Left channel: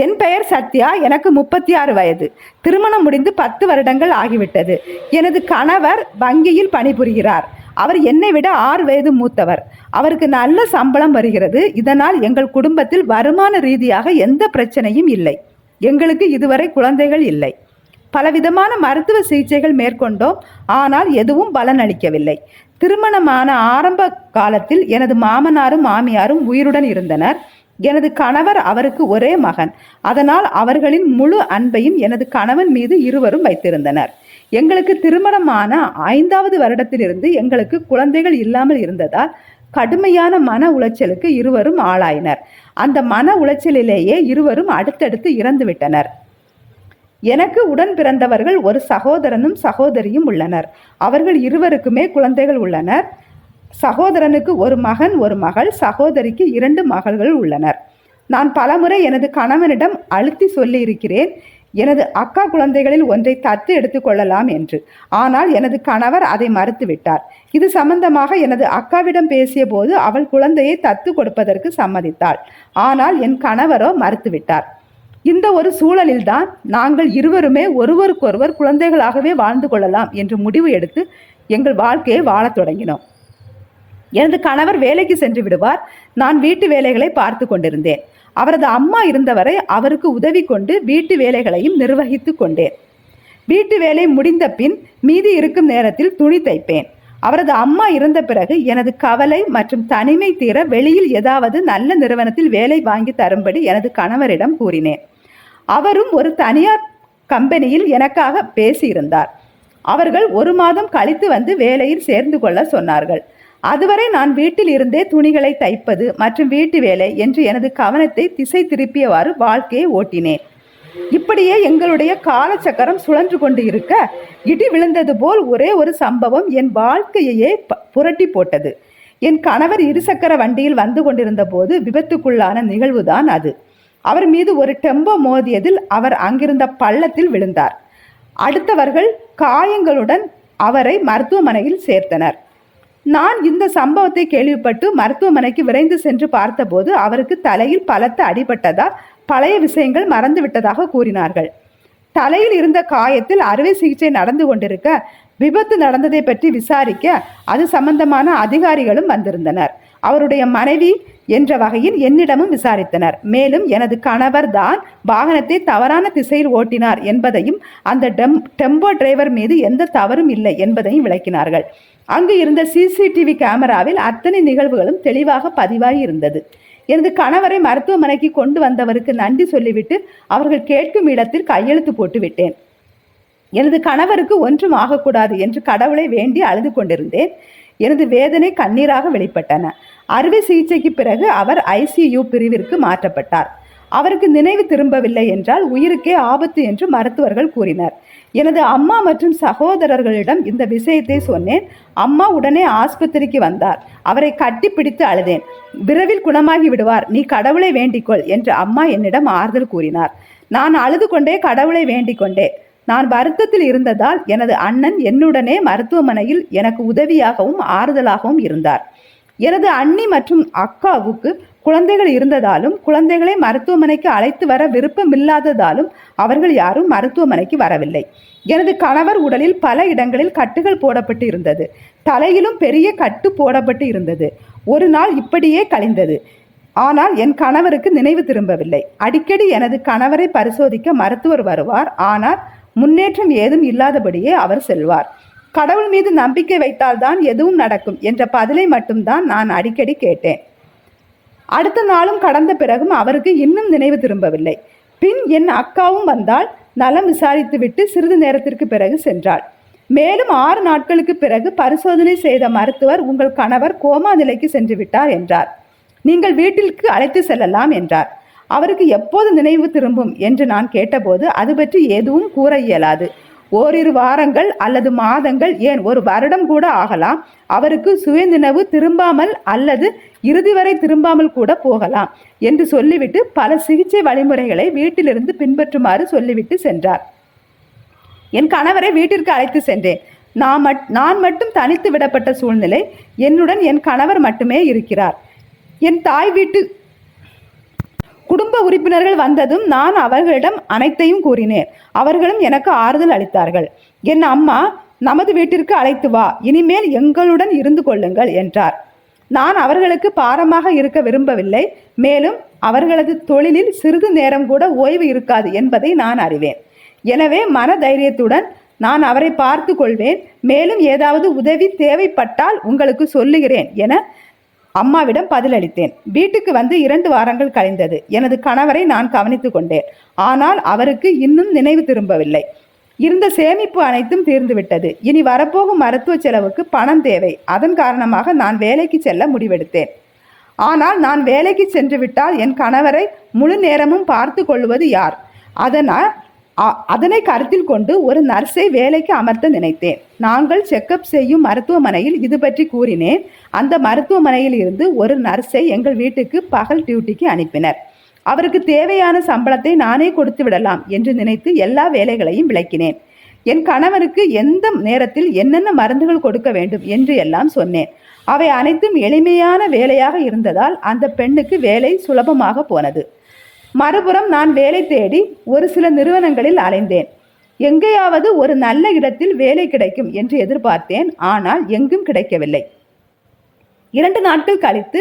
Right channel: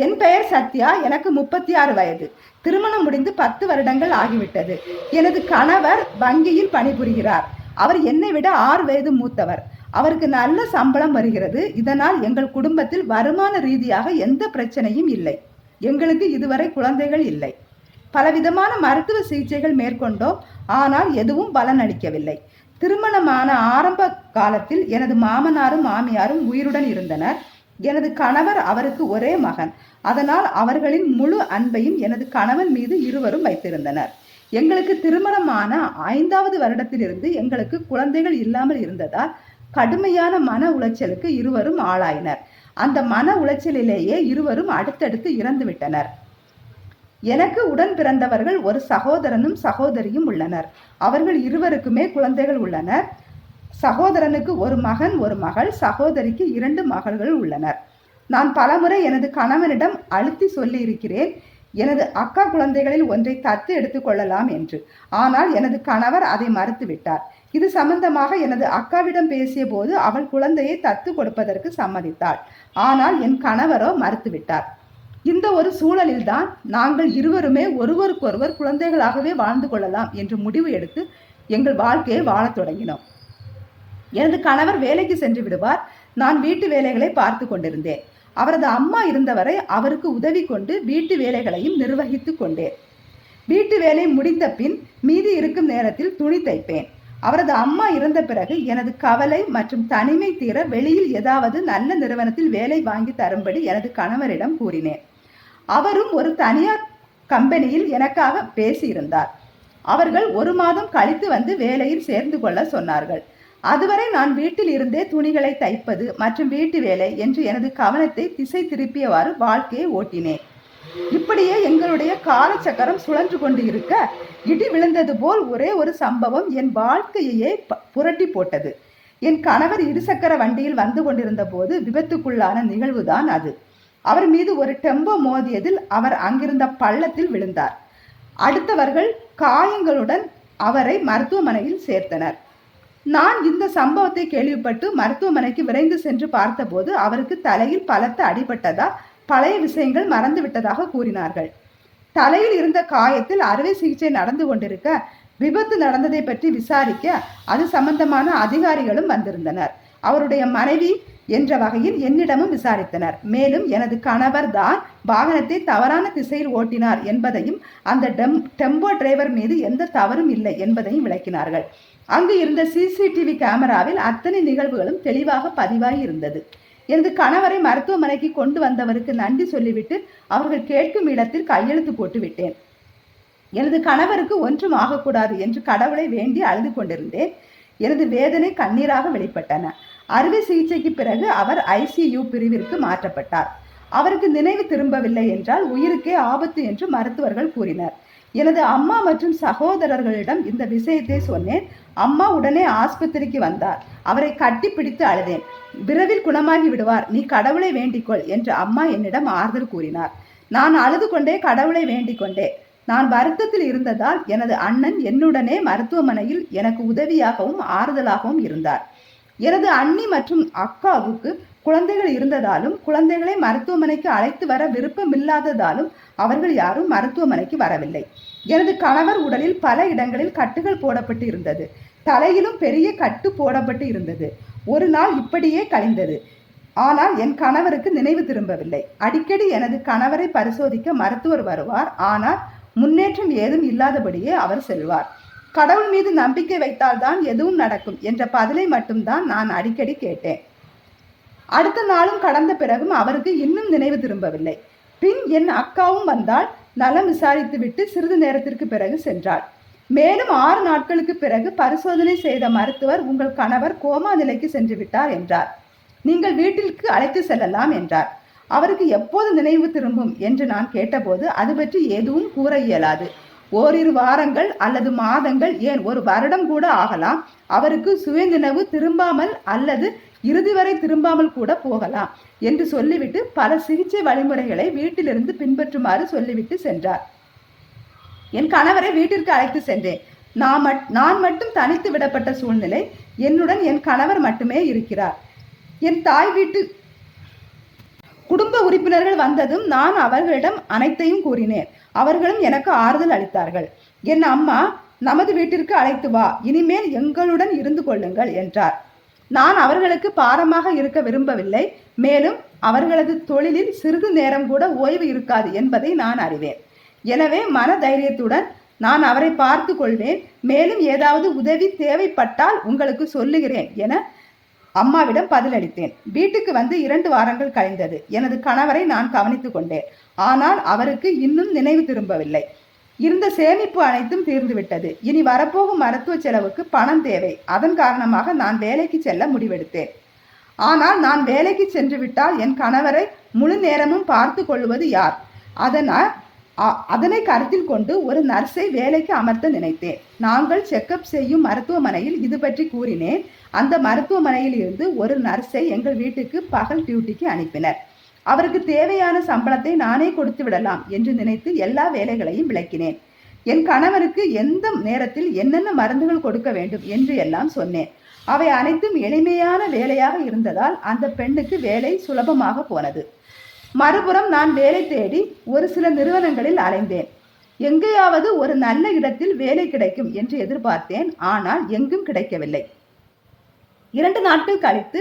என் பெயர் சத்யா எனக்கு முப்பத்தி ஆறு வயது. திருமணம் முடிந்து பத்து வருடங்கள் ஆகிவிட்டது. எனது கணவர் வங்கியில் பணிபுரிகிறார். அவர் என்னை விட ஆறு வயது மூத்தவர். அவருக்கு நல்ல சம்பளம் வருகிறது. இதனால் எங்கள் குடும்பத்தில் வருமான ரீதியாக எந்த பிரச்சனையும் இல்லை. எங்களுக்கு இதுவரை குழந்தைகள் இல்லை. பலவிதமான மருத்துவ சிகிச்சைகள் மேற்கொண்டோம். ஆனால் எதுவும் பலனளிக்கவில்லை திருமணமான ஆரம்ப காலத்தில் எனது மாமனாரும் மாமியாரும் உயிருடன் இருந்தனர். எனது கணவர் அவருக்கு ஒரே மகன். அதனால் அவர்களின் முழு அன்பையும் எனது கணவன் மீது இருவரும் வைத்திருந்தனர். எங்களுக்கு திருமணமான ஐந்தாவது வருடத்திலிருந்து எங்களுக்கு குழந்தைகள் இல்லாமல் இருந்ததால் கடுமையான மன உளைச்சலுக்கு இருவரும் ஆளாயினர். அந்த மன உளைச்சலிலேயே இருவரும் அடுத்தடுத்து இறந்துவிட்டனர் எனக்கு உடன் பிறந்தவர்கள் ஒரு சகோதரனும் சகோதரியும் உள்ளனர். அவர்கள் இருவருக்குமே குழந்தைகள் உள்ளனர். சகோதரனுக்கு ஒரு மகன் ஒரு மகள் சகோதரிக்கு இரண்டு மகள்கள் உள்ளனர். நான் பலமுறை எனது கணவனிடம் அழுத்தி சொல்லியிருக்கிறேன் எனது அக்கா குழந்தைகளில் ஒன்றை தத்து எடுத்துக்கொள்ளலாம் என்று. ஆனால் எனது கணவர் அதை மறுத்துவிட்டார். இது சம்பந்தமாக எனது அக்காவிடம் பேசிய போது அவள் குழந்தையை தத்து கொடுப்பதற்கு சம்மதித்தாள். ஆனால் என் கணவரோ மறுத்துவிட்டார். இந்த ஒரு சூழலில்தான் நாங்கள் இருவருமே ஒருவருக்கொருவர் குழந்தைகளாகவே வாழ்ந்து கொள்ளலாம் என்று முடிவு எடுத்து எங்கள் வாழ்க்கையை வாழத் தொடங்கினோம். எனது கணவர் வேலைக்கு சென்று விடுவார். நான் வீட்டு வேலைகளை பார்த்து கொண்டிருந்தேன். அவரது அம்மா இருந்தவரை அவருக்கு உதவி கொண்டு வீட்டு வேலைகளையும் நிர்வகித்து கொண்டேன். வீட்டு வேலை முடிந்த பின் மீதி இருக்கும் நேரத்தில் துணி தைப்பேன். அவரது அம்மா இறந்த பிறகு எனது கவலை மற்றும் தனிமை தீர வெளியில் ஏதாவது நல்ல நிறுவனத்தில் வேலை வாங்கி தரும்படி எனது கணவரிடம் கூறினேன். அவரும் ஒரு தனியார் கம்பெனியில் எனக்காக பேசியிருந்தார். அவர்கள் ஒரு மாதம் கழித்து வந்து வேலையில் சேர்ந்து கொள்ள சொன்னார்கள். அதுவரை நான் வீட்டில் இருந்தே துணிகளை தைப்பது மற்றும் வீட்டு வேலை என்று எனது கவனத்தை திசை திருப்பியவாறு வாழ்க்கையை ஓட்டினேன். இப்படியே எங்களுடைய காலச்சக்கரம் சுழன்று கொண்டு இருக்க இடி விழுந்தது போல் ஒரே ஒரு சம்பவம் என் வாழ்க்கையையே ப- புரட்டி போட்டது. என் கணவர் இருசக்கர வண்டியில் வந்து கொண்டிருந்த போது விபத்துக்குள்ளான நிகழ்வுதான் அது. அவர் மீது ஒரு டெம்போ மோதியதில் அவர் அங்கிருந்த பள்ளத்தில் விழுந்தார். அடுத்தவர்கள் காயங்களுடன் அவரை மருத்துவமனையில் சேர்த்தனர். நான் இந்த சம்பவத்தை கேள்விப்பட்டு மருத்துவமனைக்கு விரைந்து சென்று பார்த்தபோது அவருக்கு தலையில் பலத்த அடிபட்டதால் பழைய விஷயங்கள் மறந்து விட்டதாக கூறினார்கள். தலையில் இருந்த காயத்தில் அறுவை சிகிச்சை நடந்து கொண்டிருக்க விபத்து நடந்ததை பற்றி விசாரிக்க அது சம்பந்தமான அதிகாரிகளும் வந்திருந்தனர். அவருடைய மனைவி என்ற வகையில் என்னிடமும் விசாரித்தனர். மேலும் எனது கணவர் தான் வாகனத்தை தவறான திசையில் ஓட்டினார் என்பதையும் அந்த டெம் டெம்போ டிரைவர் மீது எந்த தவறும் இல்லை என்பதையும் விளக்கினார்கள். அங்கு இருந்த சிசிடிவி கேமராவில் அத்தனை நிகழ்வுகளும் தெளிவாக பதிவாகி இருந்தது எனது கணவரை மருத்துவமனைக்கு கொண்டு வந்தவருக்கு நன்றி சொல்லிவிட்டு அவர்கள் கேட்கும் இடத்தில் கையெழுத்து போட்டு விட்டேன் எனது கணவருக்கு ஒன்றும் ஆகக்கூடாது என்று கடவுளை வேண்டி அழுது கொண்டிருந்தேன். எனது வேதனை கண்ணீராக வெளிப்பட்டன. அறுவை சிகிச்சைக்கு பிறகு அவர் ஐசியு பிரிவிற்கு மாற்றப்பட்டார். அவருக்கு நினைவு திரும்பவில்லை என்றால் உயிருக்கே ஆபத்து என்று மருத்துவர்கள் கூறினர். எனது அம்மா மற்றும் சகோதரர்களிடம் இந்த விஷயத்தை சொன்னேன். அம்மா உடனே ஆஸ்பத்திரிக்கு வந்தார். அவரை கட்டிப்பிடித்து அழுதேன். விரைவில் குணமாகி விடுவார். நீ கடவுளை வேண்டிக்கொள் என்று அம்மா என்னிடம் ஆறுதல் கூறினார். நான் அழுது கொண்டே கடவுளை வேண்டிக் கொண்டேன் நான் வருத்தத்தில் இருந்ததால் எனது அண்ணன் என்னுடனே மருத்துவமனையில் எனக்கு உதவியாகவும் ஆறுதலாகவும் இருந்தார். எனது அண்ணி மற்றும் அக்காவுக்கு குழந்தைகள் இருந்ததாலும் குழந்தைகளை மருத்துவமனைக்கு அழைத்து வர விருப்பமில்லாததாலும் அவர்கள் யாரும் மருத்துவமனைக்கு வரவில்லை. எனது கணவர் உடலில் பல இடங்களில் கட்டுகள் போடப்பட்டு இருந்தது. தலையிலும் பெரிய கட்டு போடப்பட்டு இருந்தது. ஒரு நாள் இப்படியே கழிந்தது. ஆனால் என் கணவருக்கு நினைவு திரும்பவில்லை. அடிக்கடி எனது கணவரை பரிசோதிக்க மருத்துவர் வருவார். ஆனால் முன்னேற்றம் ஏதும் இல்லாதபடியே அவர் செல்வார். கடவுள் மீது நம்பிக்கை வைத்தால்தான் எதுவும் நடக்கும் என்ற பதிலை மட்டும்தான் நான் அடிக்கடி கேட்டேன். அடுத்த நாளும் கடந்த பிறகும் அவருக்கு இன்னும் நினைவு திரும்பவில்லை. பின் என் அக்காவும் வந்தால் நலம் விசாரித்துவிட்டு சிறிது நேரத்திற்கு பிறகு சென்றாள். மேலும் ஆறு நாட்களுக்கு பிறகு பரிசோதனை செய்த மருத்துவர் உங்கள் கணவர் கோமா நிலைக்கு சென்று விட்டார் என்றார். நீங்கள் வீட்டிற்கு அழைத்து செல்லலாம் என்றார். அவருக்கு எப்போது நினைவு திரும்பும் என்று நான் கேட்டபோது அது பற்றி எதுவும் கூற இயலாது. ஓரிரு வாரங்கள் அல்லது மாதங்கள் ஏன் ஒரு வருடம் கூட ஆகலாம். அவருக்கு சுயநினைவு திரும்பாமல் அல்லது இறுதி வரை திரும்பாமல் கூட போகலாம் என்று சொல்லிவிட்டு பல சிகிச்சை வழிமுறைகளை வீட்டிலிருந்து பின்பற்றுமாறு சொல்லிவிட்டு சென்றார். என் கணவரை வீட்டிற்கு அழைத்து சென்றேன். நான் மட் நான் மட்டும் தனித்து விடப்பட்ட சூழ்நிலை என்னுடன் என் கணவர் மட்டுமே இருக்கிறார். என் தாய் வீட்டு குடும்ப உறுப்பினர்கள் வந்ததும் நான் அவர்களிடம் அனைத்தையும் கூறினேன். அவர்களும் எனக்கு ஆறுதல் அளித்தார்கள். என் அம்மா நமது வீட்டிற்கு அழைத்து வா. இனிமேல் எங்களுடன் இருந்து கொள்ளுங்கள் என்றார். நான் அவர்களுக்கு பாரமாக இருக்க விரும்பவில்லை. மேலும் அவர்களது தொழிலில் சிறிது நேரம் கூட ஓய்வு இருக்காது என்பதை நான் அறிவேன். எனவே மன தைரியத்துடன் நான் அவரை பார்த்து கொள்வேன். மேலும் ஏதாவது உதவி தேவைப்பட்டால் உங்களுக்கு சொல்லுகிறேன் என அம்மாவிடம் பதிலளித்தேன். வீட்டுக்கு வந்து இரண்டு வாரங்கள் கழிந்தது. எனது கணவரை நான் கவனித்துக் கொண்டேன். ஆனால் அவருக்கு இன்னும் நினைவு திரும்பவில்லை. இருந்த சேமிப்பு அனைத்தும் தீர்ந்துவிட்டது. இனி வரப்போகும் மருத்துவ செலவுக்கு பணம் தேவை. அதன் காரணமாக நான் வேலைக்கு செல்ல முடிவெடுத்தேன். ஆனால் நான் வேலைக்கு சென்று விட்டால் என் கணவரை முழு நேரமும் பார்த்து கொள்வது யார்? அதனால் அ- அதனை கருத்தில் கொண்டு ஒரு நர்ஸை வேலைக்கு அமர்த்த நினைத்தேன். நாங்கள் செக்கப் செய்யும் மருத்துவமனையில் இது பற்றி கூறினேன். அந்த மருத்துவமனையில் இருந்து ஒரு நர்ஸை எங்கள் வீட்டுக்கு பகல் டியூட்டிக்கு அனுப்பினர். அவருக்கு தேவையான சம்பளத்தை நானே கொடுத்து விடலாம் என்று நினைத்து எல்லா வேலைகளையும் விளக்கினேன். என் கணவருக்கு எந்த நேரத்தில் என்னென்ன மருந்துகள் கொடுக்க வேண்டும் என்று எல்லாம் சொன்னேன். அவை அனைத்தும் எளிமையான வேலையாக இருந்ததால் அந்த பெண்ணுக்கு வேலை சுலபமாக போனது. மறுபுறம் நான் வேலை தேடி ஒரு சில நிறுவனங்களில் அலைந்தேன். எங்கேயாவது ஒரு நல்ல இடத்தில் வேலை கிடைக்கும் என்று எதிர்பார்த்தேன் ஆனால் எங்கும் கிடைக்கவில்லை. இரண்டு நாட்கள் கழித்து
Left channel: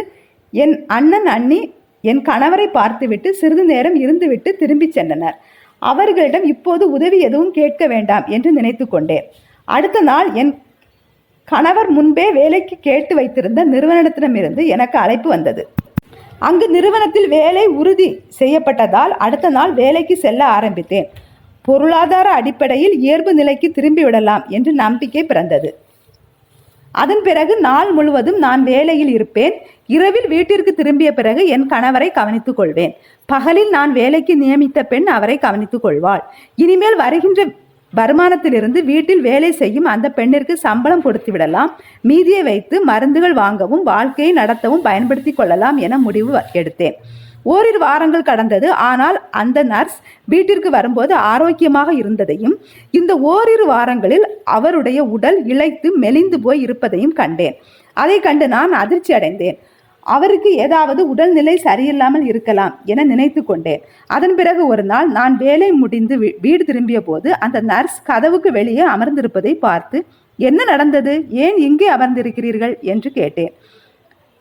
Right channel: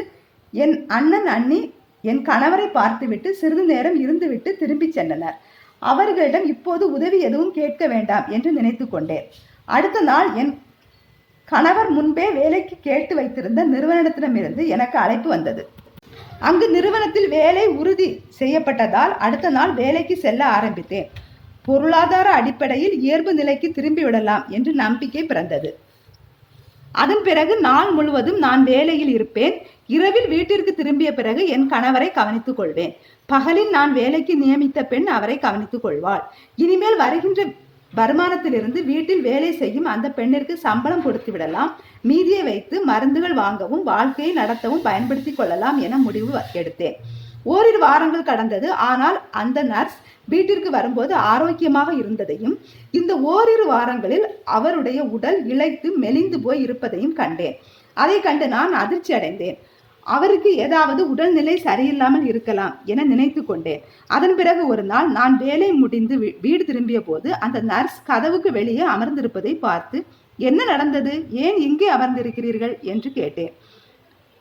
என் அண்ணன் அண்ணி என் கணவரை பார்த்துவிட்டு சிறிது நேரம் இருந்துவிட்டு திரும்பிச் சென்றனர். அவர்களிடம் இப்போது உதவி எதுவும் கேட்க வேண்டாம் என்று நினைத்து கொண்டேன். அடுத்த நாள் என் கணவர் முன்பே வேலைக்கு கேட்டு வைத்திருந்த நிறுவனத்திடமிருந்து எனக்கு அழைப்பு வந்தது. அங்கு நிறுவனத்தில் வேலை உறுதி செய்யப்பட்டதால் அடுத்த நாள் வேலைக்கு செல்ல ஆரம்பித்தேன். பொருளாதார அடிப்படையில் இயல்பு நிலைக்கு திரும்பி விடலாம் என்று நம்பிக்கை பிறந்தது. அதன் பிறகு நாள் முழுவதும் நான் வேலையில் இருப்பேன். இரவில் வீட்டிற்கு திரும்பிய பிறகு என் கணவரை கவனித்துக் கொள்வேன். பகலில் நான் வேலைக்கு நியமித்த பெண் அவரை கவனித்துக் கொள்வாள். இனிமேல் வருகின்ற வருமானத்திலிருந்து வீட்டில் வேலை செய்யும் அந்த பெண்ணிற்கு சம்பளம் கொடுத்து விடலாம். மீதியை வைத்து மருந்துகள் வாங்கவும் வாழ்க்கையை நடத்தவும் பயன்படுத்திக் கொள்ளலாம் என முடிவு எடுத்தேன். ஓரிரு வாரங்கள் கடந்தது. ஆனால் அந்த நர்ஸ் வீட்டிற்கு வரும்போது ஆரோக்கியமாக இருந்ததையும் இந்த ஓரிரு வாரங்களில் அவருடைய உடல் இளைத்து மெலிந்து போய் இருப்பதையும் கண்டேன். அதை கண்டு நான் அதிர்ச்சி அடைந்தேன் அவருக்கு ஏதாவது உடல்நிலை சரியில்லாமல் இருக்கலாம் என நினைத்து கொண்டேன். அதன் பிறகு ஒரு நாள் நான் வேலை முடிந்து வீ- வீடு திரும்பிய போது அந்த நர்ஸ் கதவுக்கு வெளியே அமர்ந்திருப்பதை பார்த்து என்ன நடந்தது? ஏன் இங்கே அமர்ந்திருக்கிறீர்கள்? என்று கேட்டேன்.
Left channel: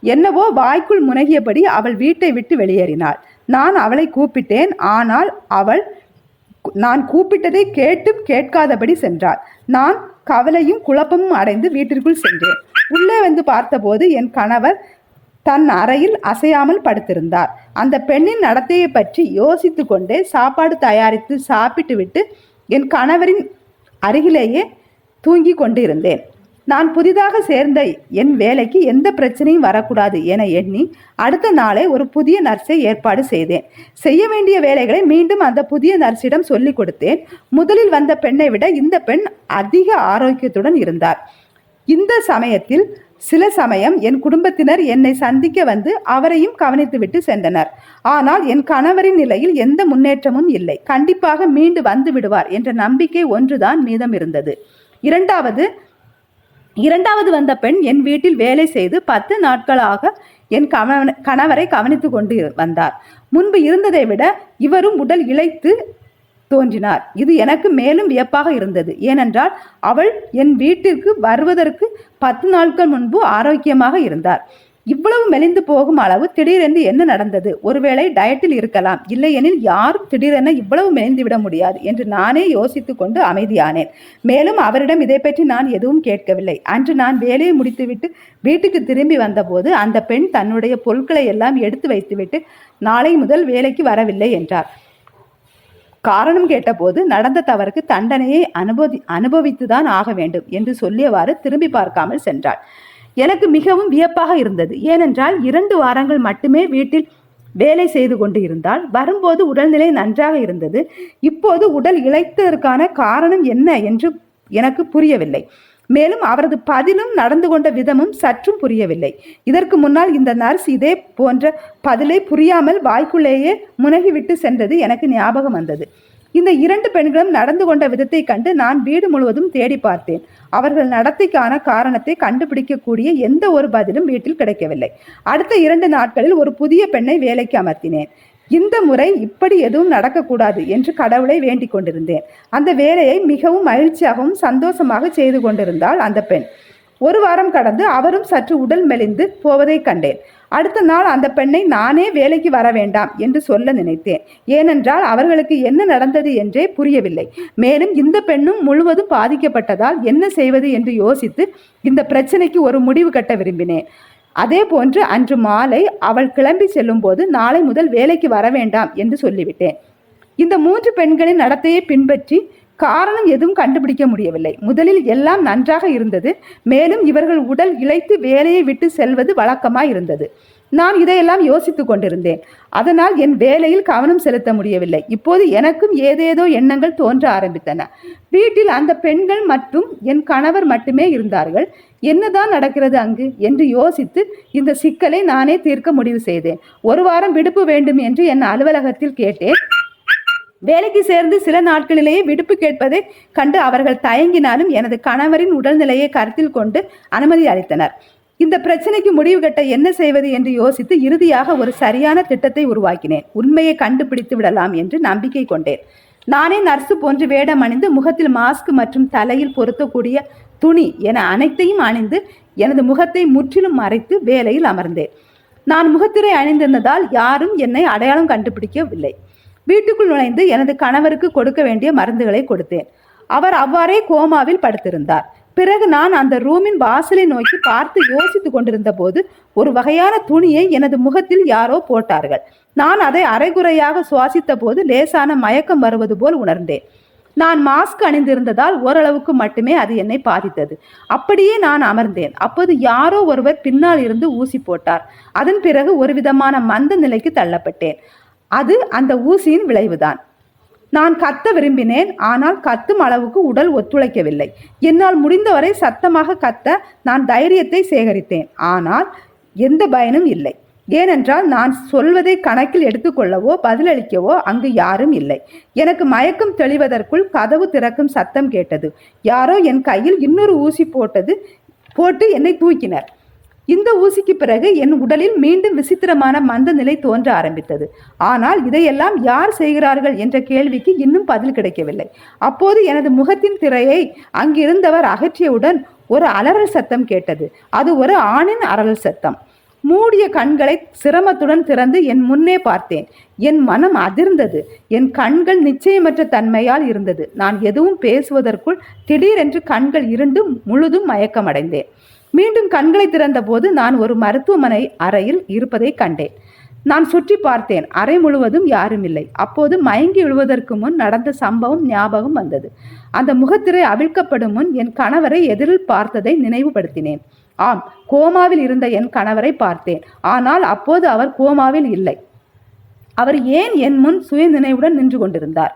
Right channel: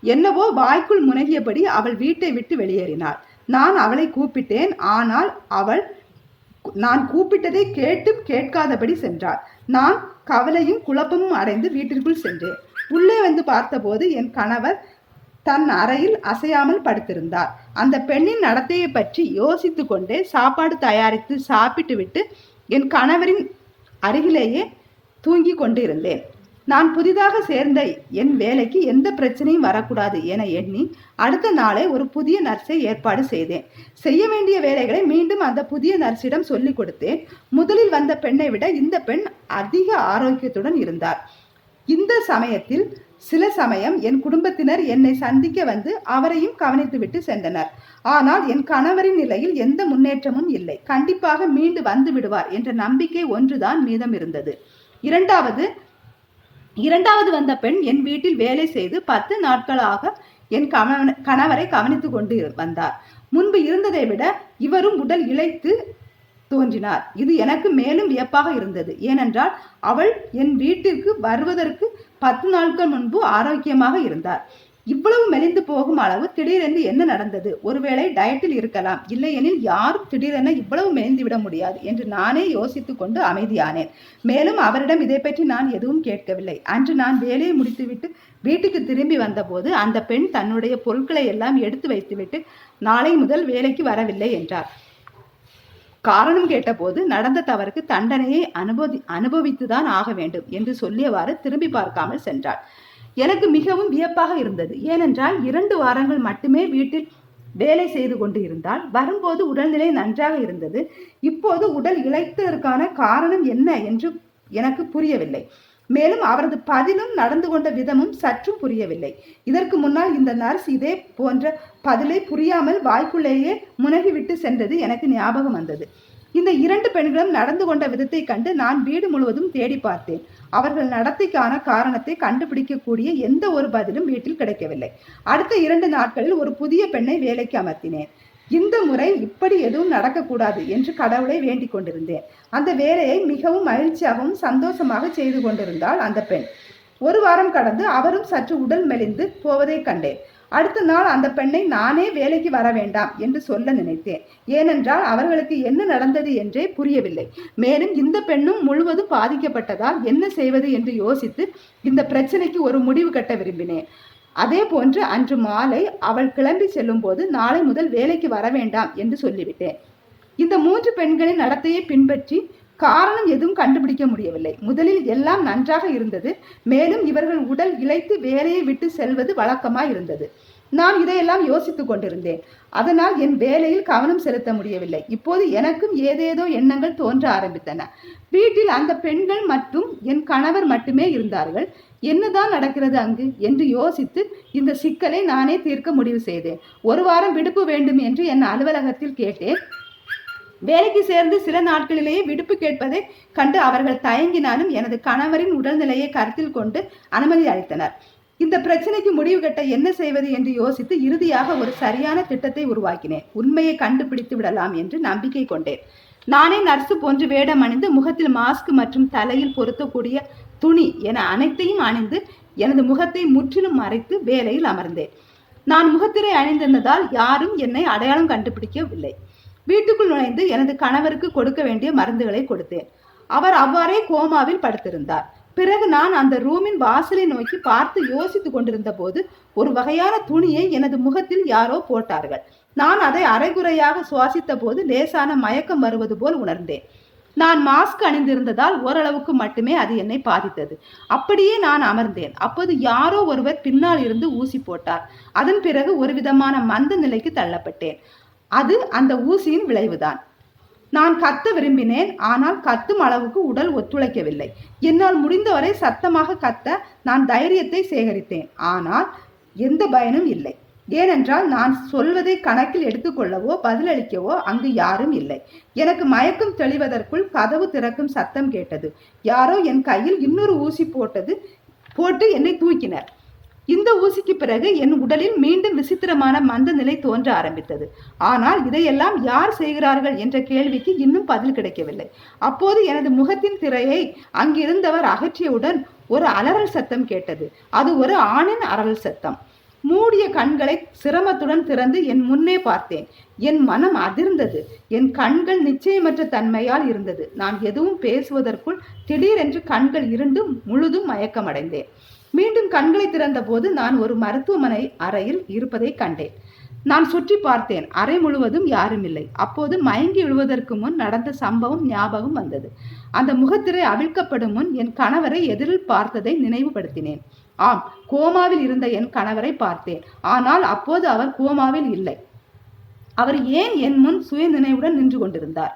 என்னவோ வாய்க்குள் முனகியபடி அவள் வீட்டை விட்டு வெளியேறினாள். நான் அவளை கூப்பிட்டேன் ஆனால் அவள் நான் கூப்பிட்டதை கேட்டும் கேட்காதபடி சென்றாள். நான் கவலையும் குழப்பமும் அடைந்து வீட்டிற்குள் சென்றேன். உள்ளே வந்து பார்த்தபோது என் கணவர் தன் அறையில் அசையாமல் படுத்திருந்தார். அந்த பெண்ணின் நடத்தையை பற்றி யோசித்து கொண்டே சாப்பாடு தயாரித்து சாப்பிட்டுவிட்டு என் கணவரின் அருகிலேயே தூங்கி கொண்டிருந்தேன். நான் புதிதாக சேர்ந்த என் வேலைக்கு எந்த பிரச்சனையும் வரக்கூடாது என எண்ணி அடுத்த நாளே ஒரு புதிய நர்ஸை ஏற்பாடு செய்தேன். செய்ய வேண்டிய வேலைகளை மீண்டும் அந்த புதிய நர்ஸிடம் சொல்லிக் கொடுத்தேன். முதலில் வந்த பெண்ணை விட இந்த பெண் அதிக ஆரோக்கியத்துடன் இருந்தார். இந்த சமயத்தில் சில சமயம் என் குடும்பத்தினர் என்னை சந்திக்க வந்து அவரையும் கவனித்துவிட்டு சென்றனர். ஆனால் என் கணவரின் நிலையில் எந்த முன்னேற்றமும் இல்லை. கண்டிப்பாக மீண்டு வந்து விடுவார் என்ற நம்பிக்கை ஒன்றுதான் மீதம் இருந்தது. இரண்டாவது இரண்டாவது வந்த பெண் என் வீட்டில் வேலை செய்து பத்து நாட்களாக என் கணவன் கணவரை கவனித்து கொண்டு வந்தார். முன்பு இருந்ததை விட இவரும் உடல் இழைத்து தோன்றினார். இது எனக்கு மேலும் வியப்பாக இருந்தது. ஏனென்றால் அவள் என் வீட்டிற்கு வருவதற்கு பத்து நாட்கள் முன்பு ஆரோக்கியமாக இருந்தார். இவ்வளவு மெலிந்து போகும் அளவு திடீரென்று என்ன நடந்தது? ஒருவேளை டயட்டில் இருக்கலாம். இல்லையெனில் யாரும் திடீரென இவ்வளவு மெலிந்து விட முடியாது என்று நானே யோசித்துக் கொண்டு அமைதியானேன். மேலும் அவரிடம் இதை பற்றி நான் எதுவும் கேட்கவில்லை. அன்று நான் வேலையை முடித்துவிட்டு வீட்டுக்கு திரும்பி வந்தபோது அந்த பெண் தன்னுடைய பொருட்களை எல்லாம் எடுத்து வைத்துவிட்டு நாளை முதல் வேலைக்கு வரவில்லை என்றார். காரணம் கேட்டபோது நடந்த தவறுக்கு தண்டனையை அனுபவி அனுபவித்துதான் ஆக வேண்டும் என்று சொல்லியவாறு திரும்பி பார்க்காமல் சென்றாள். எனக்கு மிகவும் வியப்பாக இருந்தது. ஏனென்றால் இரண்டு வாரங்கள் மட்டுமே வீட்டில் வேலை செய்து கொண்டு இருந்தால் வரும்போது உடல்நிலை நன்றாக இருந்தது. இப்போது உடல் இழைத்ததற்கான காரணம் என்ன என்று எனக்கு புரியவில்லை. மேலும் அவரது பதிலும் நடந்து கொண்ட விதமும் சற்றும் புரியவில்லை. இதற்கு முன்னால் இந்த நர்ஸ் இதே போன்ற பதிலை புரியாமல் வாய்க்குள்ளேயே முனகிவிட்டு சென்றது எனக்கு ஞாபகம் வந்தது. இந்த இரண்டு பெண்களும் நடந்து கொண்ட விதத்தை கண்டு நான் வீடு முழுவதும் தேடி பார்த்தேன். அவர்கள் நடத்தைக்கான காரணத்தை கண்டுபிடிக்கக்கூடிய எந்த ஒரு பதிலும் வீட்டில் கிடைக்கவில்லை. அடுத்த இரண்டு நாட்களில் ஒரு புதிய பெண்ணை வேலைக்கு அமர்த்தினேன். இந்த முறை இப்படி எதுவும் நடக்கக்கூடாது என்று கடவுளை வேண்டிக் கொண்டிருந்தேன். அந்த வேலையை மிகவும் மகிழ்ச்சியாகவும் சந்தோஷமாக செய்து கொண்டிருந்தாள் அந்த பெண். ஒரு வாரம் கடந்து அவரும் சற்று உடல் மெலிந்து போவதை கண்டேன். அடுத்த நாள் அந்த பெண்ணை நானே வேலைக்கு வர வேண்டாம் என்று சொல்ல நினைத்தேன். ஏனென்றால் அவர்களுக்கு என்ன நடந்தது என்றே புரியவில்லை. மேலும் இந்த பெண்ணும் முழுவதும் பாதிக்கப்பட்டதால் என்ன செய்வது என்று யோசித்து இந்த பிரச்சனைக்கு ஒரு முடிவு கட்ட விரும்பினேன். அதே போன்று அன்று மாலை அவள் கிளம்பி செல்லும்போது நாளை முதல் வேலைக்கு வர வேண்டாம் என்று சொல்லிவிட்டேன். இந்த மூன்று பெண்களின் நடத்தையை பின்பற்றி காரணம் எதுவும் கண்டுபிடிக்க முடியவில்லை. முதலில் எல்லாம் நன்றாக இருந்தது. மேலும் இவர்கள் உடல் இழைத்து வேலையை விட்டு செல்வது வழக்கமாக இருந்தது நான் இதையெல்லாம் யோசித்துக் கொண்டிருந்தேன். அதனால் என் வேலையில் கவனம் செலுத்த முடியவில்லை. இப்போது எனக்கும் ஏதேதோ எண்ணங்கள் தோன்ற ஆரம்பித்தன. வீட்டில் அந்த பெண்கள் மற்றும் என் கணவர் மட்டுமே இருந்தார்கள். என்னதான் நடக்கிறது அங்கு என்று யோசித்து இந்த சிக்கலை நானே தீர்க்க முடிவு செய்தேன். ஒரு வாரம் விடுப்பு வேண்டும் என்று என் அலுவலகத்தில் கேட்டேன். வேலைக்கு சேர்ந்து சில நாட்களிலேயே விடுப்பு கேட்பதை கண்டு அவர்கள் தயங்கினாலும் எனது கணவரின் உடல்நிலையை கருத்தில் கொண்டு அனுமதி அளித்தனர். இந்த பிரச்சனைக்கு முடிவு கட்ட என்ன செய்வது என்று யோசித்து இறுதியாக ஒரு சரியான திட்டத்தை உருவாக்கினேன். உண்மையை கண்டுபிடித்து விடலாம் என்று நம்பிக்கை கொண்டேன். நானே நர்சு போன்று வேடம் அணிந்து முகத்தில் மாஸ்க் மற்றும் தலையில் பொருத்தக்கூடிய துணி என அனைத்தையும் அணிந்து எனது முகத்தை முற்றிலும் மறைத்து வேலையில் அமர்ந்தேன். நான் முகத்திரை அணிந்திருந்ததால் யாரும் என்னை அடையாளம் கண்டுபிடிக்கவில்லை. வீட்டுக்குள் நுழைந்து எனது கணவருக்கு கொடுக்க வேண்டிய மருந்துகளை கொடுத்தேன். அவர் அவ்வாறே கோமாவில் படுத்திருந்தார். பிறகு நான் அந்த ரூமின் வாசலை நோக்கி பார்த்து யோசித்துக் கொண்டிருந்த போது ஒரு வகையான துணியை எனது முகத்தில் யாரோ போட்டார்கள். நான் அதை அரைகுறையாக சுவாசித்த போது லேசான மயக்கம் வருவது போல் உணர்ந்தேன். நான் மாஸ்க் அணிந்திருந்ததால் ஓரளவுக்கு மட்டுமே அது என்னை பாதித்தது. அப்படியே நான் அமர்ந்தேன். அப்போது யாரோ ஒருவர் பின்னால் இருந்து ஊசி போட்டார். அதன் பிறகு ஒரு விதமான மந்த நிலைக்கு தள்ளப்பட்டேன். அது அந்த ஊசியின் விளைவுதான். நான் கத்த விரும்பினேன் ஆனால் கத்தும் அளவுக்கு உடல் ஒத்துழைக்கவில்லை. என்னால் முடிந்தவரை சத்தமாக கத்த நான் தைரியத்தை சேகரித்தேன். ஆனால் எந்த பயனும் இல்லை. ஏனென்றால் நான் சொல்வதை கணக்கில் எடுத்துக்கொள்ளவோ பதிலளிக்கவோ அங்கு யாரும் இல்லை. எனக்கு மயக்கம் தெளிவதற்குள் கதவு திறக்கும் சத்தம் கேட்டது. யாரோ என் கையில் இன்னொரு ஊசி போட்டது போட்டு என்னை தூக்கினர். இந்த ஊசிக்கு பிறகு என் உடலில் மீண்டும் விசித்திரமான மந்த நிலை தோன்ற ஆரம்பித்தது. ஆனால் இதையெல்லாம் யார் செய்கிறார்கள் என்ற கேள்விக்கு இன்னும் பதில் கிடைக்கவில்லை. அப்போது எனது முகத்தின் திரையை அங்கிருந்தவர் அகற்றியவுடன் ஒரு அலறல் சத்தம் கேட்டது. அது ஒரு ஆணின் அலறல் சத்தம். மூடிய கண்களை சிரமத்துடன் திறந்து என் முன்னே பார்த்தேன். என் மனம் அதிர்ந்தது. என் கண்கள் நிச்சயமற்ற தன்மையால் இருந்தது. நான் எதுவும் பேசுவதற்குள் திடீரென்று கண்கள் இருண்டும் முழுதும் மயக்கமடைந்தேன். மீண்டும் கண்களை திறந்தபோது நான் ஒரு மருத்துவமனை அறையில் இருப்பதை கண்டேன். நான் சுற்றி பார்த்தேன். அறை முழுவதும் யாரும் இல்லை. அப்போது மயங்கி விழுவதற்கு முன் நடந்த சம்பவம் ஞாபகம் வந்தது. அந்த முகத்திரை அவிழ்க்கப்படும் முன் என் கணவரை எதிரில் பார்த்ததை நினைவுபடுத்தினேன். ஆம் கோமாவில் இருந்த என் கணவரை பார்த்தேன். ஆனால் அப்போது அவர் கோமாவில் இல்லை. அவர் ஏன் என் முன் சுய நினைவுடன் நின்று கொண்டிருந்தார்?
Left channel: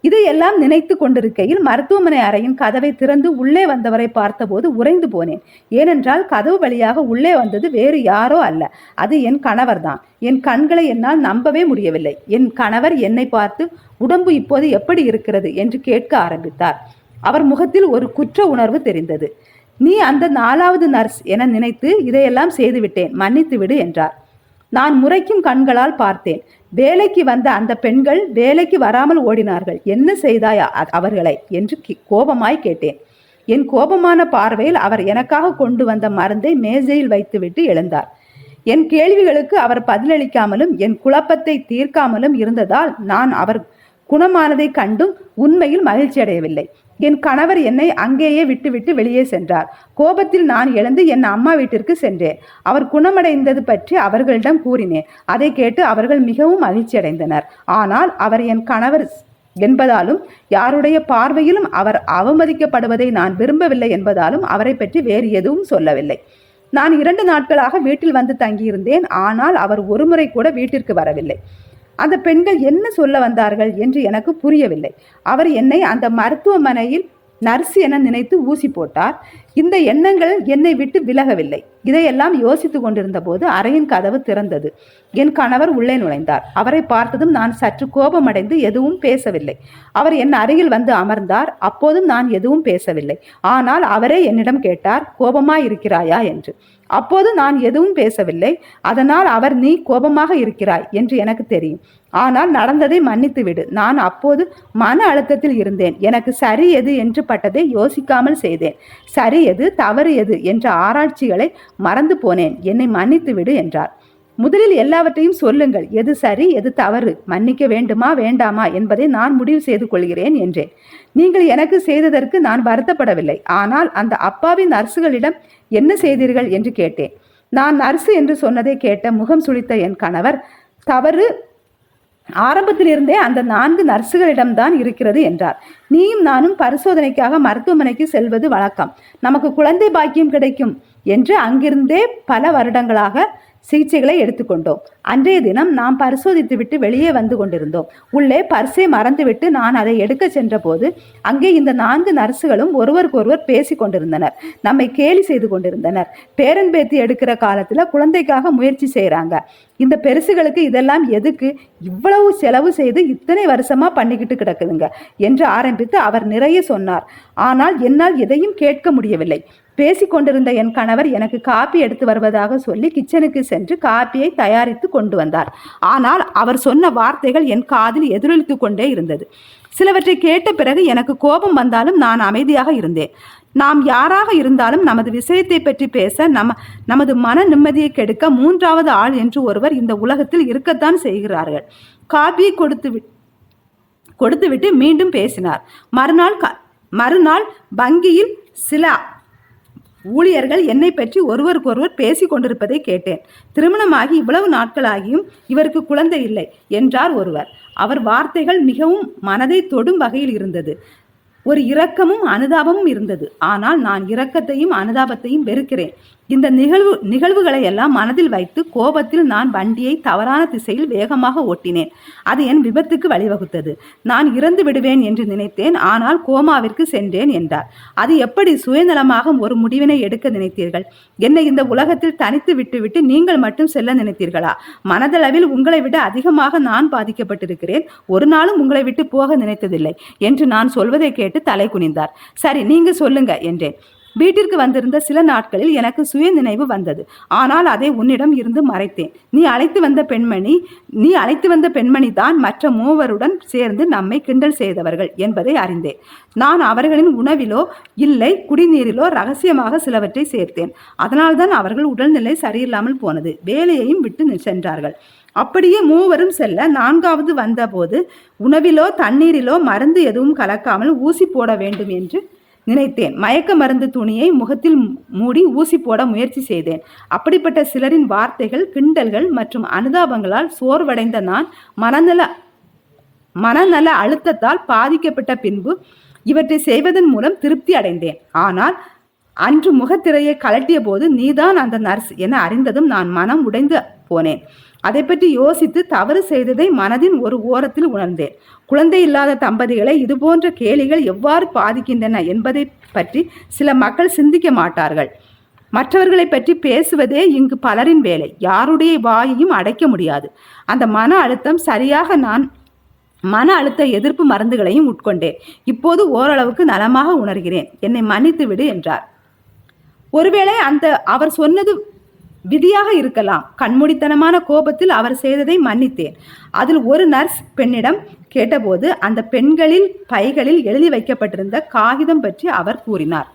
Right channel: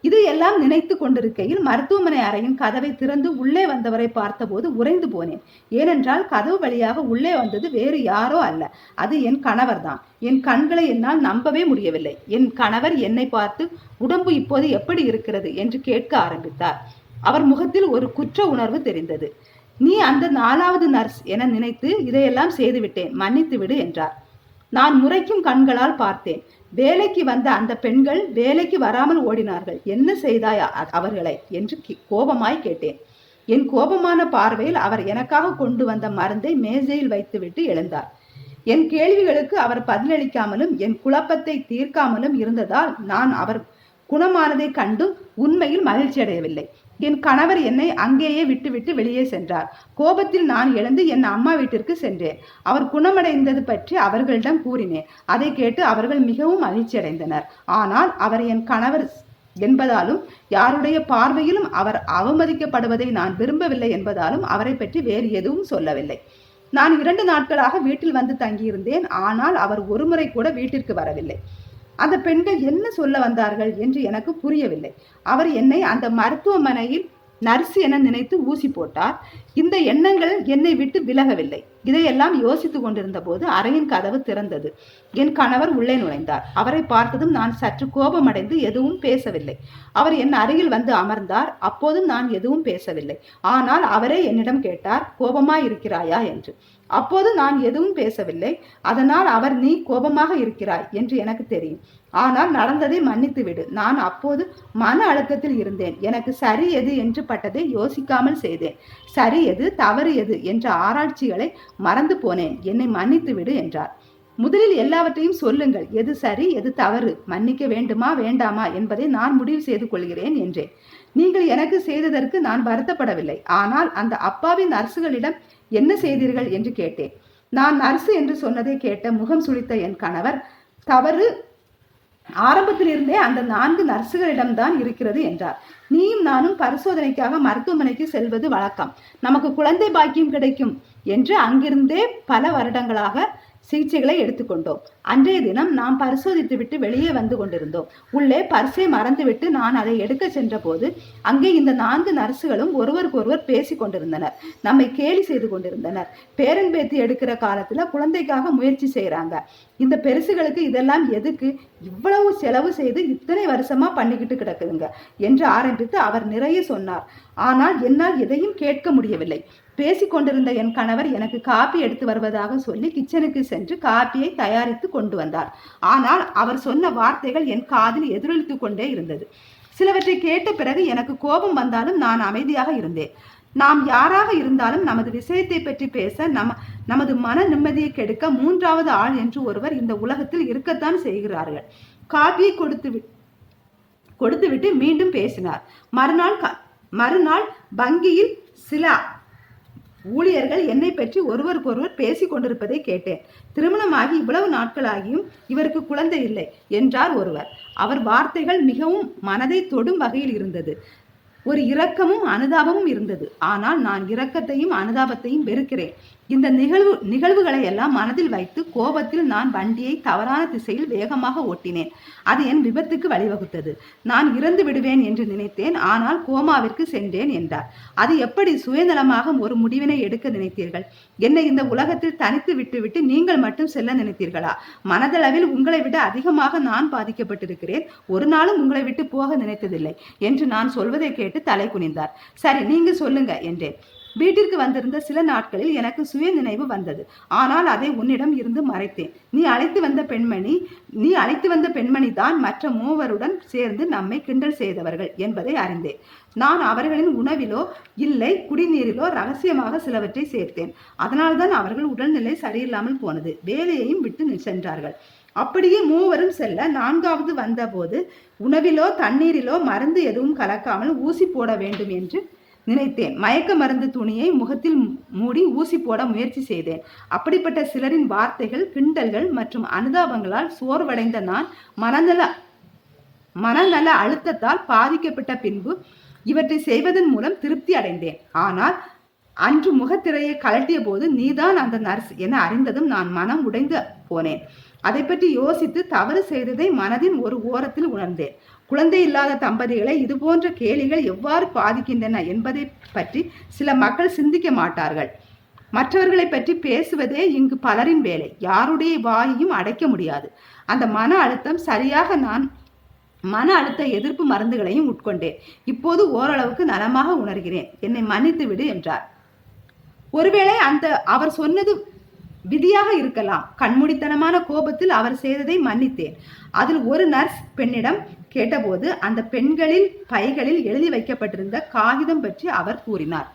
இதையெல்லாம் நினைத்து கொண்டிருக்கையில் மருத்துவமனை அறையின் கதவை திறந்து உள்ளே வந்தவரை பார்த்தபோது உறைந்து போனேன். ஏனென்றால் கதவு வழியாக உள்ளே வந்தது வேறு யாரோ அல்ல. அது என் கணவர்தான். என் கண்களை என்னால் நம்பவே முடியவில்லை. என் கணவர் என்னை பார்த்து உடம்பு இப்போது எப்படி இருக்கிறது? என்று கேட்க ஆரம்பித்தார். அவர் முகத்தில் ஒரு குற்ற உணர்வு தெரிந்தது. நீ அந்த நாலாவது நர்ஸ் என நினைத்து இதையெல்லாம் செய்துவிட்டேன். மன்னித்து விடு என்றார். நான் முறைக்கும் கண்களால் பார்த்தேன். வேலைக்கு வந்த அந்த பெண்கள் வேலைக்கு வராமல் ஓடினார்கள். என்ன செய்தாய் அ- அவர்களை? என்று கோபமாய் கேட்டேன். என் கோபமான பார்வையில் அவர் எனக்காக கொண்டு வந்த மருந்தை மேஜையில் வைத்துவிட்டு எழுந்தார். என் கேள்விகளுக்கு அவர் பதிலளிக்காமலும் என் குழப்பத்தை தீர்க்காமலும் இருந்ததால் நான் அவர் குணமானதை கண்டும் உண்மையில் மகிழ்ச்சி அடையவில்லை என் கணவர் என்னை அங்கேயே விட்டுவிட்டு வெளியே சென்றார். கோபத்தில் நான் எழுந்து என் அம்மா வீட்டிற்கு சென்றேன். அவர் குணமடைந்தது பற்றி அவர்களிடம் கூறினேன். அதை கேட்டு அவர்கள் மிகவும் மகிழ்ச்சி அடைந்தனர் ஆனால் அவர் என் கணவர் என்பதாலும் யாருடைய பார்வையிலும் அவர் அவமதிக்கப்படுவதை நான் விரும்பவில்லை என்பதாலும் அவரை பற்றி வேறு எதுவும் சொல்லவில்லை. நான் இரண்டு நாட்களாக வீட்டில் வந்து தங்கியிருந்தேன். ஆனால் அவர் ஒருமுறை கூட வீட்டிற்கு வரவில்லை. அந்த பெண்கள் என்ன சொல்ல வந்தார்கள் என்று எனக்கு புரியவில்லை. அவர் என்னை அந்த மருத்துவமனையில் நர்ஸ் என நினைத்து ஊசி போட்டார். இந்த எண்ணங்கள் என்னை விட்டு விலகவில்லை. இதையெல்லாம் யோசித்துக் கொண்டிருந்த போது அறையின் கதவு திறந்தது. என் கணவர் உள்ளே நுழைந்தார். அவரை பார்த்ததும் நான் சற்று கோபமடைந்து எதுவும் பேசவில்லை. அவர் என் அருகில் வந்து அமர்ந்தார். அப்போதும் நான் எதுவும் பேசவில்லை. ஆனால் அவரே என்னிடம் கேட்டார் கோபமாய் இருக்கிறாயா என்று. அப்போது நான் எதுவும் பேசவில்லை. அதனால் அவர் நீ கோபமாக இருக்கிறாய் என்று எனக்கு தெரியும். ஆனால் நடந்ததை மன்னித்து விடு. நான் அப்போது மன அழுத்தத்தில் இருந்தேன். எனக்கு சரி எது என்று பட்டதை யோசிக்காமல் செய்தேன். சரி எது தவறு எது என்ற ஆராய்ச்சிகளை மறந்து போனேன். என்னை மன்னித்து விடு என்றார். முதலில் எல்லாவற்றையும் சொல்லுங்கள். எது சரி எது தவறு? மன்னிக்க வேண்டுமா வேண்டாமா என்பதை நான் முடிவு செய்து கொள்கிறேன் என்றேன். நீங்கள் எனக்கு செய்ததற்கு நான் வருத்தப்படவில்லை. ஆனால் அந்த அப்பாவின் நர்சுகளிடம் என்ன செய்தீர்கள்? என்று கேட்டேன். நான் நர்சு என்று சொன்னதை கேட்ட முகம் சுளித்த என் கணவர் தவறு. ஆரம்பத்திலிருந்தே அந்த நான்கு நர்சுகளிடம்தான் இருக்கிறது என்றார். நீயும் நானும் பரிசோதனைக்காக மருத்துவமனைக்கு செல்வது வழக்கம். நமக்கு குழந்தை பாக்கியம் கிடைக்கும் என்று அங்கிருந்தே பல வருடங்களாக சிகிச்சைகளை எடுத்துக்கொண்டோம். அன்றைய தினம் நாம் பரிசோதித்துவிட்டு வெளியே வந்து கொண்டிருந்தோம். உள்ளே பர்ஸை மறந்துவிட்டு நான் அதை எடுக்க சென்றபோது அங்கே இந்த நான்கு நர்சுகளும் ஒருவருக்கொருவர் பேசி கொண்டிருந்தனர். நம்மை கேலி செய்து கொண்டிருந்தனர். பேரன் பேத்தி எடுக்கிற காலத்தில் குழந்தைக்காக முயற்சி செய்கிறாங்க இந்த பெருசுகளுக்கு இதெல்லாம் எதுக்கு? இவ்வளவு செலவு செய்து இத்தனை வருஷமாக பண்ணிக்கிட்டு கிடக்குதுங்க என்று ஆரம்பித்து அவர் நிறைய சொன்னார். ஆனால் என்னால் எதையும் கேட்க முடியவில்லை. பேசிக்கொண்டிருந்த என் கணவர் எனக்கு காப்பி எடுத்து வருவதாக சொல்லி கிச்சனுக்கு சென்று காப்பியை தயாரித்து கொண்டு வந்தார். ஆனால் அவர் சொன்ன வார்த்தைகள் என் காதில் எதிரொலித்து கொண்டே இருந்தது. சிலவற்றை கேட்ட பிறகு எனக்கு கோபம் வந்தாலும் நான் அமைதியாக இருந்தேன். நாம் யாராக இருந்தாலும் நமது விஷயத்தை பற்றி பேச நம நமது மன நிம்மதியை கெடுக்க மூன்றாவது ஆள் என்று ஒருவர் இந்த உலகத்தில் இருக்கத்தான் செய்கிறார்கள். காபி கொடுத்து கொடுத்துவிட்டு மீண்டும் பேசினார். மறுநாள் மறுநாள் வங்கியில் சில ஊழியர்கள் என்னை பற்றி ஒருவருக்கொருவர் பேசிக் கொண்டிருப்பதை கேட்டேன். திருமணமாகி இவ்வளவு நாட்களாகியும் இவருக்கு குழந்தை இல்லை என்றார் ஒருவர். அவர் வார்த்தைகள் மிகவும் மனதை தொடும் வகையில் இருந்தது. ஒரு இரக்கமும் அனுதாபமும் இருந்தது. ஆனால் நான் இரக்கத்தையும் அனுதாபத்தையும் வெறுக்கிறேன். இந்த நிகழ்வு நிகழ்வுகளை எல்லாம் மனதில் வைத்து கோபத்தில் நான் வண்டியை தவறான திசையில் வேகமாக ஓட்டினேன். அது என் விபத்துக்கு வழிவகுத்தது. நான் இறந்து விடுவேன் என்று நினைத்தேன். ஆனால் கோமாவிற்கு சென்றேன் என்றார். அது எப்படி சுயநலமாக ஒரு முடிவினை எடுக்க நினைத்தீர்கள்? என்னை இந்த உலகத்தில் தனித்து விட்டுவிட்டு நீங்கள் மட்டும் செல்ல நினைத்தீர்களா? மனதளவில் உங்களை விட அதிகமாக நான் பாதிக்கப்பட்டிருக்கிறேன். ஒரு நாளும் உங்களை விட்டு போக நினைத்ததில்லை என்று நான் சொல்வதை கேட்டு தலை குனிந்தார். சரி நீங்க சொல்லுங்க என்றேன். வீட்டிற்கு வந்திருந்த சில நாட்களில் எனக்கு சுய நினைவு வந்தது. ஆனால் அதை உன்னிடம் இருந்து மறைத்தேன். நீ அழைத்து வந்த பெண்மணி நீ அழைத்து வந்த பெண்மணி தான் மற்ற மூவருடன் சேர்ந்து நம்மை கிண்டல் செய்தவர்கள் என்பதை அறிந்தேன். நான் அவர்களின் உணவிலோ இல்லை குடிநீரிலோ ரகசியமாக சிலவற்றை சேர்த்தேன். அதனால்தான் அவர்கள் உடல்நிலை சரியில்லாமல் போனது. வேலையையும் விட்டு சென்றார்கள். அப்படியே மூவரும் செல்ல நான்காவது வந்தபோது உணவிலோ தண்ணீரிலோ மருந்து எதுவும் கலக்காமல் ஊசி போட வேண்டும் என்று நினைத்தேன். மயக்க மருந்து துணியை முகத்தில் மூடி ஊசி போட முயற்சி செய்தேன். அப்படிப்பட்ட சிலரின் வார்த்தைகள் கிண்டல்கள் மற்றும் அனுதாபங்களால் சோர்வடைந்த நான் மனநல மனநல அழுத்தத்தால் பாதிக்கப்பட்ட பின்பு இவற்றை செய்வதன் மூலம் திருப்தி அடைந்தேன். ஆனால் அன்று முகத்திரையை கலட்டிய போது நீதான் அந்த நர்ஸ் என அறிந்ததும் நான் மனம் உடைந்து போனேன். அதை பற்றி யோசித்து தவறு செய்ததை மனதின் ஒரு ஓரத்தில் உணர்ந்தேன். குழந்தை இல்லாத தம்பதிகளை இதுபோன்ற கேலிகள் எவ்வாறு பாதிக்கின்றன என்பதை பற்றி சில மக்கள் சிந்திக்க மாட்டார்கள். மற்றவர்களை பற்றி பேசுவதே இங்கு பலரின் வேலை. யாருடைய வாயையும் அடைக்க முடியாது. அந்த மன அழுத்தம் சரியாக நான் மன அழுத்த எதிர்ப்பு மருந்துகளையும் உட்கொண்டேன். இப்போது ஓரளவுக்கு நலமாக உணர்கிறேன். என்னை மன்னித்து விடு என்றார். ஒருவேளை அந்த அவர் சொன்னது விதியாக இருக்கலாம். கண்மூடித்தனமான கோபத்தில் அவர் செய்ததை மன்னித்தேன். அதில் ஒரு நர்ஸ் பெண்ணிடம் கேட்டபோது அந்த பெண்களில் பைகளில் எழுதி வைக்கப்பட்டிருந்த காகிதம் பற்றி அவர் கூறினார்.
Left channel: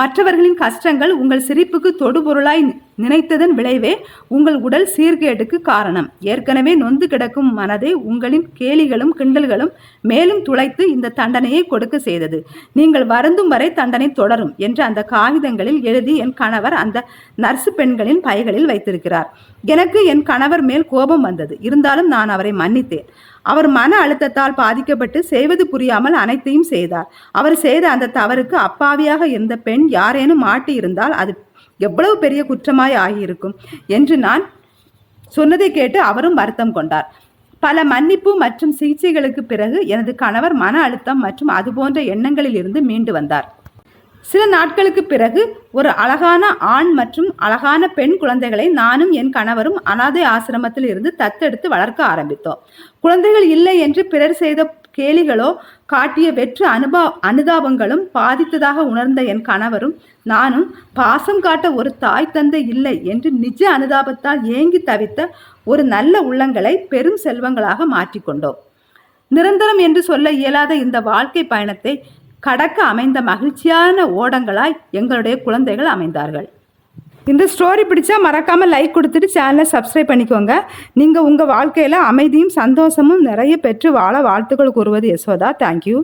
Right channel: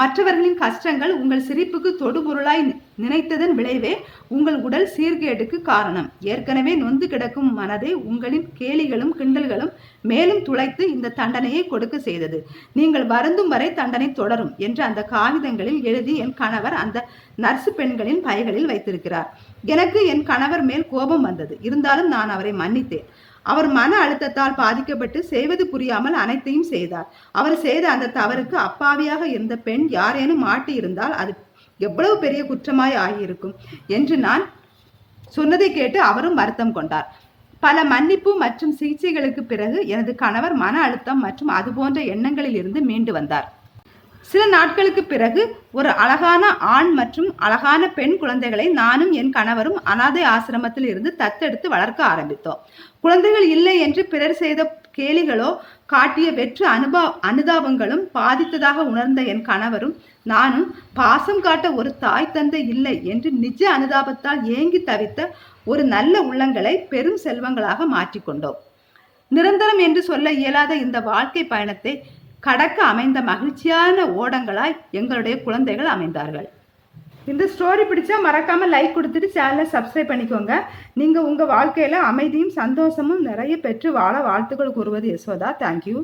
மற்றவர்களின் கஷ்டங்கள் உங்கள் சிரிப்புக்கு தொடுபொருளாய் நினைத்ததன் விளைவே உங்கள் உடல் சீர்கேடுக்கு காரணம். ஏற்கனவே நொந்து கிடக்கும் மனதை உங்களின் கேலிகளும் கிண்டல்களும் மேலும் துளைத்து இந்த தண்டனையை கொடுக்க செய்தது. நீங்கள் வருந்தும் வரை தண்டனை தொடரும் என்று அந்த காகிதங்களில் எழுதி என் கணவர் அந்த நர்சு பெண்களின் பைகளில் வைத்திருக்கிறார். எனக்கு என் கணவர் மேல் கோபம் வந்தது. இருந்தாலும் நான் அவரை மன்னித்தேன். அவர் மன அழுத்தத்தால் பாதிக்கப்பட்டு செய்வது புரியாமல் அனைத்தையும் செய்தார். அவர் செய்த அந்த தவறுக்கு அப்பாவியாக இருந்த பெண் யாரேனும் மாட்டி இருந்தால் அது எவ்வளவு பெரிய குற்றமாய் ஆகியிருக்கும் என்று நான் சொன்னதை கேட்டு அவரும் வருத்தம் கொண்டார். பல மன்னிப்பு மற்றும் சிகிச்சைகளுக்கு பிறகு எனது கணவர் மன அழுத்தம் மற்றும் அதுபோன்ற எண்ணங்களில் இருந்து மீண்டு வந்தார். சில நாட்களுக்கு பிறகு ஒரு அழகான ஆண் மற்றும் அழகான பெண் குழந்தைகளை நானும் என் கணவரும் அனாதை ஆசிரமத்தில் இருந்து தத்தெடுத்து வளர்க்க ஆரம்பித்தோம். குழந்தைகள் இல்லை என்று பிறர் செய்த கேலிகளோ காட்டிய வெற்று அனுபா அனுதாபங்களும் பாதித்ததாக உணர்ந்த என் கணவரும் நானும் பாசம் காட்ட ஒரு தாய் தந்தை இல்லை என்று நிஜ அனுதாபத்தால் ஏங்கி தவித்த ஒரு நல்ல உள்ளங்களை பெரும் செல்வங்களாக மாற்றிக்கொண்டோம். நிரந்தரம் என்று சொல்ல இயலாத இந்த வாழ்க்கை பயணத்தை கடக்க அமைந்த மகிழ்ச்சியான ஓடங்களாய் எங்களுடைய குழந்தைகள் அமைந்தார்கள். இந்த ஸ்டோரி பிடிச்சா மறக்காமல் லைக் கொடுத்துட்டு சேனலை சப்ஸ்கிரைப் பண்ணிக்கோங்க. நீங்கள் உங்கள் வாழ்க்கையில் அமைதியும் சந்தோஷமும் நிறைய பெற்று வாழ வாழ்த்துக்கள் கூறுவது யசோதா. தேங்க்யூ